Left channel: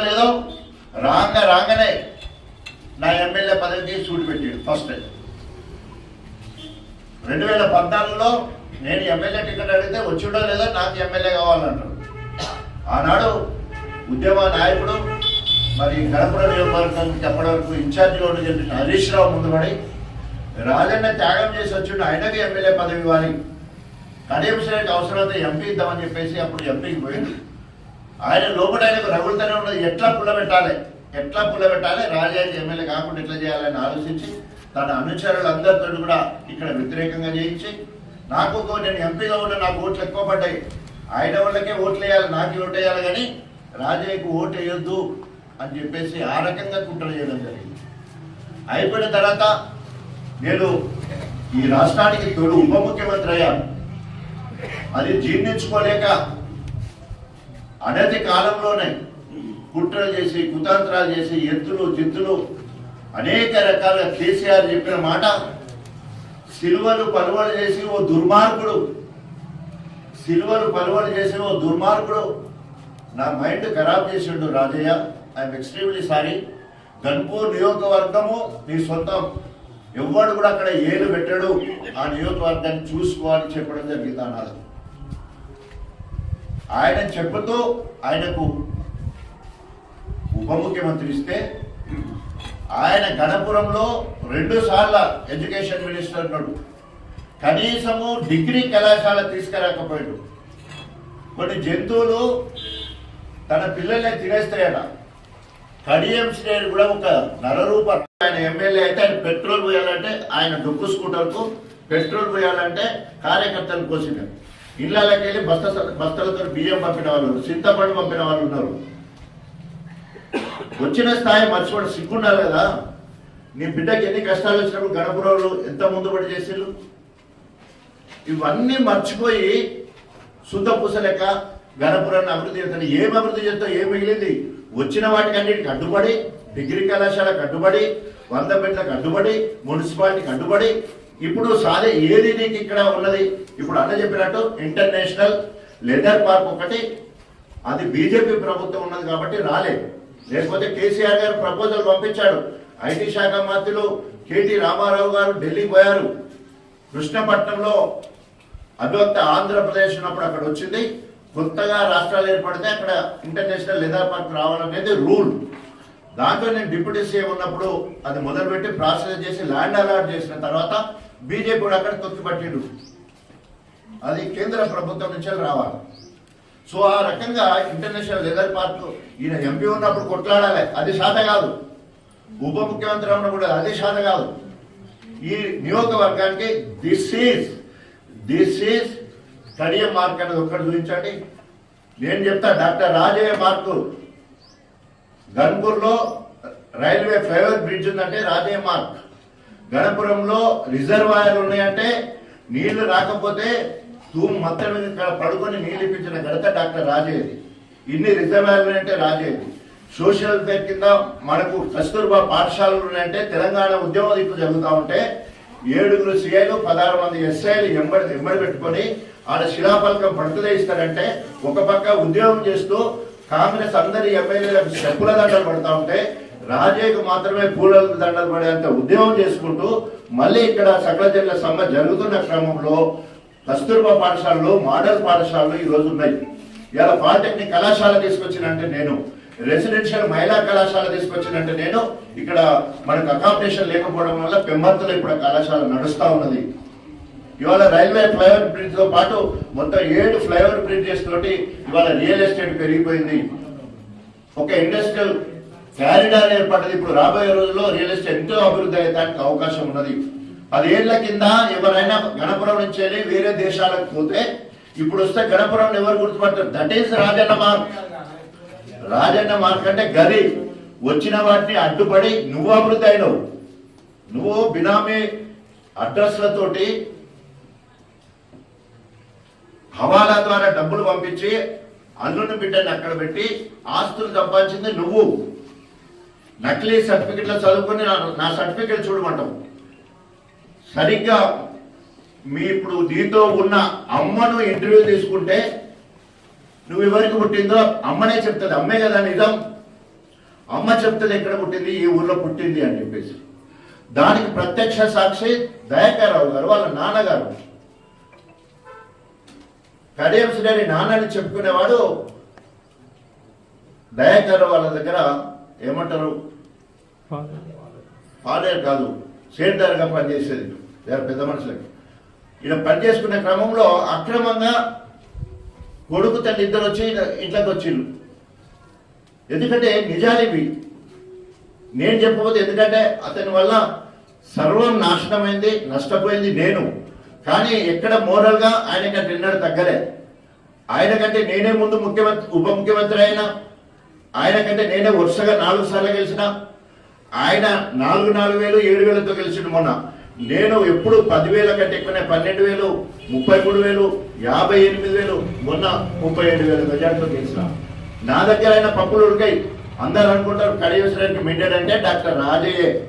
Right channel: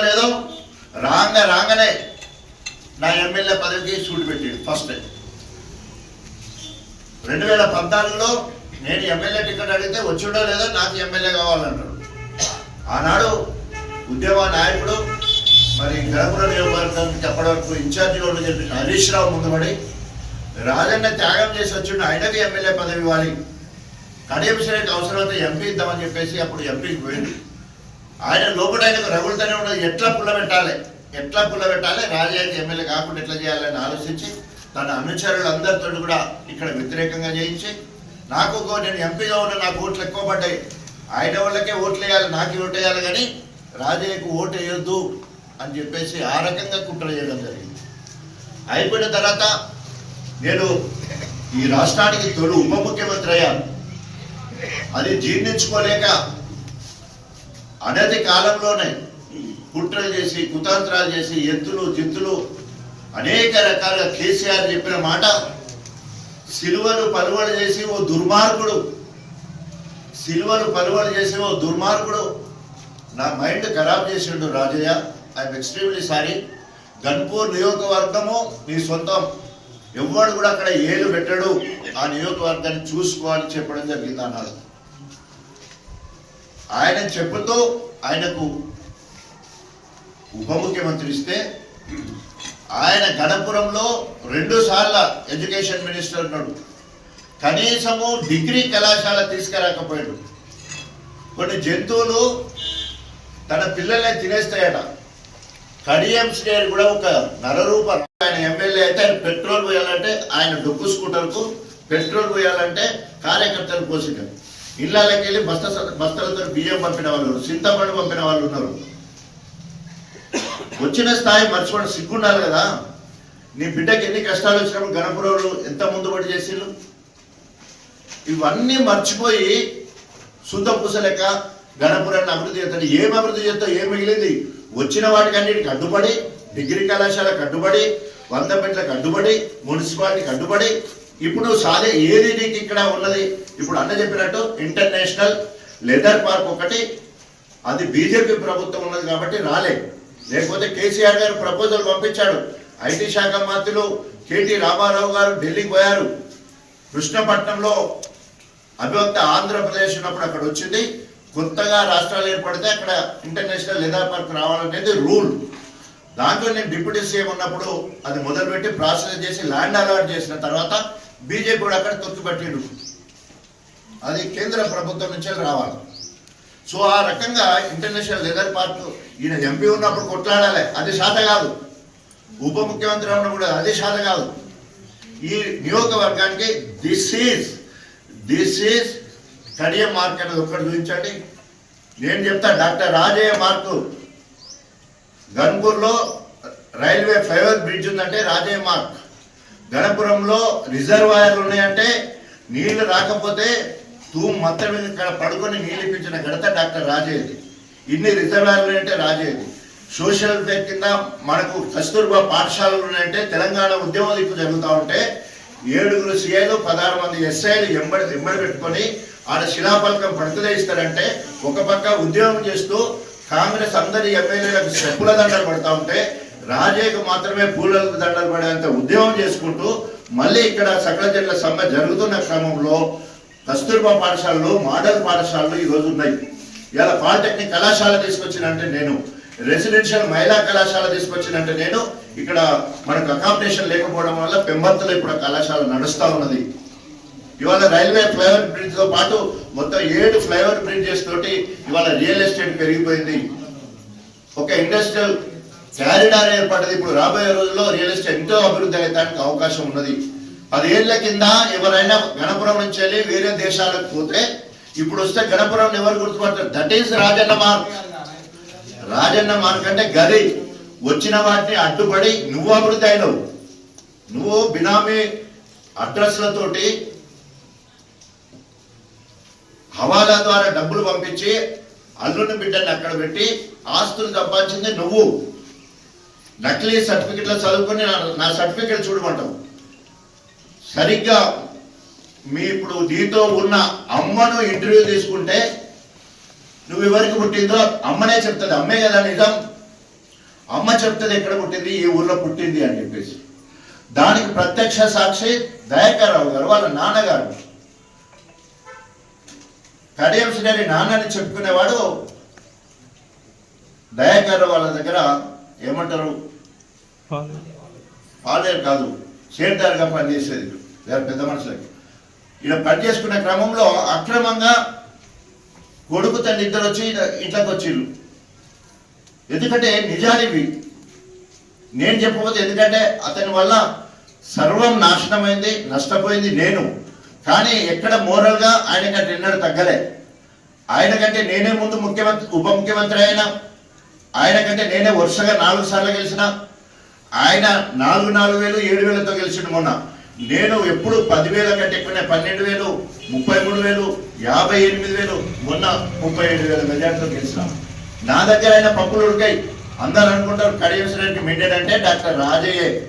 లేదో రాంగ రాగానే నా ఎమ్మెల్యే పదవికి సూటి పెట్టాడు ఫస్ట్ రెండు వేల పద్నాలుగులో నేను ఎమ్మెల్యే టికెట్ అడిగితే వచ్చిండో లేదో నాకు ఎమ్మెల్యే కావాలన్నాడు. ఆనాడు ఉద్యమ నాయకుడు మరి గణపుర నియోజకవర్గానికి చెప్పడానికి ఇన్ఛార్జిగా ఉండి చెప్పిన హరీష్ రావు ముందుపడి రాజన్న త్యాగం చేసి వచ్చిండు ఆయనకి ఎమ్మెల్యే పదవి ఇవ్వాలి. కడియంశ్వరికి అవసరమైతే ఎంపీ ఇద్దామని చెప్పేసి అప్పుడు ఎంపీకి పోయింది ఆయన లోపల ఆయనకు రగులుతూనే ఉండదు ఎట్లా పుల్ల పెట్టాలి ఎట్లా పుల్ల పెట్టాలి రాజాకి ఎమ్మెల్యే కాకుండా ఎట్లా చేయాలని ఆలోచించి తన అనుచరులందరితో కూడా ఇక్కడ వ్యతిరేకంగా చేయించి నాకు నేను ఎంపీగా ఉన్న నాకు ఓట్లు ఎక్కువ పడ్డాయి. ఆయన వాళ్ళకే ఓట్లు వేయాలి నాకు ఓటు వేయాలి కానీ రాజయ్యకు ఓటు వేయొద్దు అని చెప్పేసి ఆ రకంగా కుట్ర చేయడం జరిగింది. అయిపోయిన తర్వాత నేను ఈ రాష్ట్రానికి తొలి ఉప ముఖ్యమంత్రి అయ్యాను. అది జీర్ణించుకోలేక అనతి కాలంలోనే కుట్రలు చేసి కుతంత్రాలు చేసి ఎత్తులు జిత్తులు అనేక రకాల కేసీఆర్ చెప్పిన మాట సిలువలు పలువలు చేసి ఓ దుర్మార్గుడు సిలువలు పలువలు చేసి ఓ దుర్మార్గుడు. నా మైండ్ ఖరాబ్ చేసిండు Rajaiah. I'm extremely sorry Ghanpur నియోజకవర్గము నీ సొంతం. ఎవ్వడు కూడా అక్కడ ఏలు పెట్టడు. ఆ నియోజకవర్గాన్ని చూసుకోవాలని చెప్పడం జరిగింది అన్నారు ఆయన చెప్పుతో ఆయనకు ఉప ముఖ్యమంత్రి ఇస్తే ఆయన గణపురంలో రెండు సార్ల ఎడ్యుకేషన్ మినిస్టర్ ఉన్నాడు. కనీసము డిగ్రీ కళాశాల తీసుకురాకపోయాడు. కొన్ని జంతువులు తన పిల్లల్ని తినేస్తాయట. కడియం శ్రేణి కూడా ఒక నరరూప ఆయన ఎమ్మెల్యే అయితే ఆయన పెట్రోల్ పోయాలంటే ఆయన డొక్కు స్కూటర్కు పెట్రోల్ పోయాలంటే కార్యకర్తలు పోసింటారు ఇళ్ళకి వెళ్ళి బస్త బస్తలతో బియ్యం పంపిన వాళ్ళు ఉన్నారు, చింతపండు పంపిన వాళ్ళు ఉన్నారు. వచ్చిన స్థాయి మర్చిపోవడం సిగ్గున్నారు కదా. నీ బిడ్డకి ఎన్ని కష్టాలు వచ్చినప్పుడు గణపురంలో ఎంత ముందుబడి చేసిళ్ళు ఇవన్నీ మర్చిపోయి శుద్ధపూస లెక్క గణపురాన్ని అభివృద్ధి చేస్తాను. ఏం అభివృద్ధి చేస్తావు? ఏం మిగిలింది? వచ్చిన వాటికి అన్నిటికి అడ్డుపడి డిగ్రీ కళాశాలకు అడ్డుపడి వంద బిడ్డలకు అడ్డుపడి మున్సిపాలిటీకి అడ్డుపడి ఇప్పుడు సాధే ఏది నీకు ఇక్కడ ఉన్నది? ఇప్పుడు అన్న చెప్పినట్టు ఇంటర్నేషనల్ లెదర్ పార్క్ ఒకటి అది బీజేపీ ప్రభుత్వం ఉన్నది కాబట్టి రాలే. లేకపోతే కేసీఆర్ గారు ప్రపోజల్ పంపించాడు. ఐటీ శాఖ మంత్రులు కేటీ రామారావు గారు ఢిల్లీకి పోయారు. కృష్ణపట్నంలో అభివక్త ఆంధ్రప్రదేశ్ ఉన్నప్పుడు అక్కడ వచ్చింది. కొత్తగా రాష్ట్రాలు ఏర్పడితే అక్కడ ఇంటర్నేషనల్ లెదర్ పార్క్ రావాలనేది రూల్ దాంట్లో నేను డిప్యూటీ సీఎం ఉన్నప్పుడు అది మొదలుపెట్టి ప్రాసెస్ చేసి ల్యాండ్ అలాట్ చేసిన తర్వాత బీజేపీ కూడా అక్కడ తొక్కిపట్టిండు అది కేంద్ర ప్రభుత్వం నుంచే రావాలి. సో ఆ రకంగా ఇంటర్నేషనల్ లెదర్ పార్క్ ఈయన ఎంపీ ఉన్నప్పుడు కొట్లాడాలి. అది శాత కాదు. ఉప ముఖ్యమంత్రి ఉన్నప్పుడు కూడా అది శాత కాదు. ఈ నియోజకవర్గానికి this is this is Kadiya mark అనేది ఒక్కటి చూపించండి. నేను చెప్తా డాక్టర్ రాజయ్య మార్కు. గన్పూర్లో రైల్వే ఫ్లైఓవర్ బ్రిడ్జ్ ఉందంటే రాజయ్య మార్క్. గణపురంలో రిజర్వాయర్లు ఉన్నాయంటే నీళ్ళు రాకపోతే తూము మొత్తం మీద ఇక్కడ పడుకొని నీళ్ళు ఇప్పించిన ఘనత డాక్టర్ రాజేది. ఇన్ని రిజర్వాయర్లు ఉన్నాయంటే రాజేది. సోషల్ వెల్ఫేర్ కింద మనకు కస్తూర్బా పాఠశాలలు ఉన్నాయంటే తెలంగాణ ఉద్యమం ఇప్పుడు జరుగుతూ ఉంటే ఏడుగురు సీఐలు పదహారు మంది ఎస్ఐలు ఎంబడి ఎంబడి పెట్టుకొని ఆడ శిలాఫలకం పడుతుందే ఇస్తారంటే ఒక పక్క ఉద్యోగం చేస్తూ కాంగ్రెస్ అందరి ఎమ్మెల్యేలకు చెప్పుల దండలు పడతా ఉంటే రాజయ్యకు మాత్రమే పూల దండలు పడేంత ఉద్యమం చేసుకుంటూ మళ్ళీ ఇక్కడ సకల జట్ల సమ్మె జరుగుతున్న క్రమంలో కస్తూర్బా పాఠశాలలు మోడల్ పాఠశాలలు ఈ ఉన్నాయి. ఇవాళ పాలిటెక్నిక్ కళాశాల తీసుకొచ్చినంటే నేను రెసిడెన్షియల్ మహిళా కళాశాల తీసుకొచ్చినంటే నేను ఇక్కడ మనకు అకామిడేషన్ లేకపోవడం వల్ల పెంబర్తలో ఇప్పుడు కళాశాల నడుస్తూ ఉన్నది. ఇవాళ రైల్వే ఫ్లైఓవర్ బ్రిడ్జ్తో పాటు మొత్తం ఏడు ఫ్లైఓవర్ బ్రిడ్జెస్ తోటి ఇవాళ రియల్ ఎస్టేట్ పెరిగిపోయింది. ఒక ఇండస్ట్రియల్ క్యారిడార్ ఏర్పడ్డది ఇప్పుడు రాబోయే రోజుల్లో రియల్ ఎస్టేట్ ఎంతో అభివృద్ధి అయ్యడానికి అవకాశం ఉన్నది. పదేళ్ళ కింద ఎవరైనా గణపురం నుంచి వెళ్ళి వేరే దేశాలకు పోతే ఇప్పుడు వస్తే గణపురం ఎవరు గుర్తుపడతారు? That is Rajanna mark. Rajanna mark అంటే గది. వచ్చిన వాటిని అడ్డుపడి నువ్వు అభివృద్ధి అయినవు. నువ్వు బినామీ అడ్రస్లతోటి హవాలా ద్వారా డబ్బులు పంపించి అల్లుని బిడ్డని అక్కడ పెట్టి ఆస్తులు సంపాదించింది నువ్వు. నకిలీ సర్టిఫికెట్లో చదువుకొని నా- సర్టిఫికెట్ చూడమంటావు. సరిగ్గా మీ ఇప్పుడు నీతో ఉన్న అమ్మను ఇంటర్వ్యూ తీసుకుంటే నువ్వు ఎవరికి పుట్టిందో అమ్మనే చెప్తుంది. అమ్మే కదా నిజం. అమ్మ చెప్తుంది ఎక్కడ పుట్టింది ఈ ఊర్లో పుట్టింది అని చెప్పేసి. దానికి ప్రత్యక్ష సాక్షి దయాకర్ రావు గారు వాళ్ళ నాన్నగారు. కడియం శ్రేణి నాన్నని చెప్పుకునేవాడు దయాకర్ వాళ్ళ దగ్గర ఏమంటారు? పాలేరు కాదు సేంటర్గా పనిచేసేది. వేరే పెద్ద మనుషులకి. ఇలా పనిచేసుకునే క్రమంలో అక్రమంగా కొడుకు తల్లి ఇద్దరు వచ్చి ఇట్లా- ఇట్లకి వచ్చిళ్ళు ఎందుకంటే నిజానివి నేను చెప్పబోతే ఎందుకంటే అతని వల్ల సర్వం నాశనమైంది నష్టపోయింది నేను. కానీ ఎక్కడ మోరల్గా ఆయన కంటే ఎన్నడూ తగ్గలే. ఆయన కంటే నేనే ముందు ముఖ్యమంత్రి ఉప ముఖ్యమంత్రి అయినా ఆయన కంటే నేనే వరుసగా నాలుగు సార్లు గెలిచిన ఆయన నాలుగు నాలుగు వేలు ఏడు వేలతో గెలిచిండు మొన్న. నేను ఎప్పుడు పదివేల కంటే ఎక్కువనే పన్నెండు వేలు ముప్పై మూడు వేలు యాభై ఎనిమిది వేలు మొన్న ముప్పై ఏడు వేల మెజార్టీతో గెలిచిన. నా దగ్గర ఆయన పప్పులు ఉడికాయి. అందరు అనుకుంటారు కడియవసరానికి మిండెడ్ అంటే డాక్టర్ రాజయ్యే.